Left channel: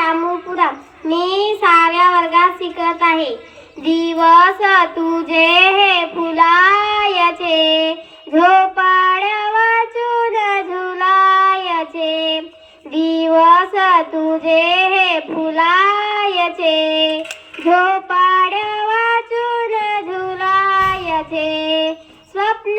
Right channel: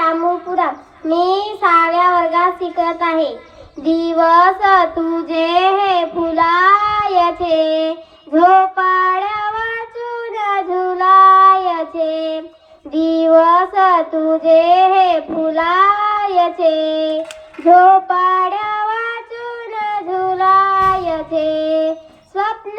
रामपुरम मी साव्या वर्गात शिकत आहे दिवस तुझे हे फुलायचे झोपाड्यावाचून झुलायचे दिवस तुझे हे फुलायचे झोपाड्यावाचून झुलायचे स्वप्न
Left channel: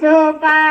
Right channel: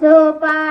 就把。So,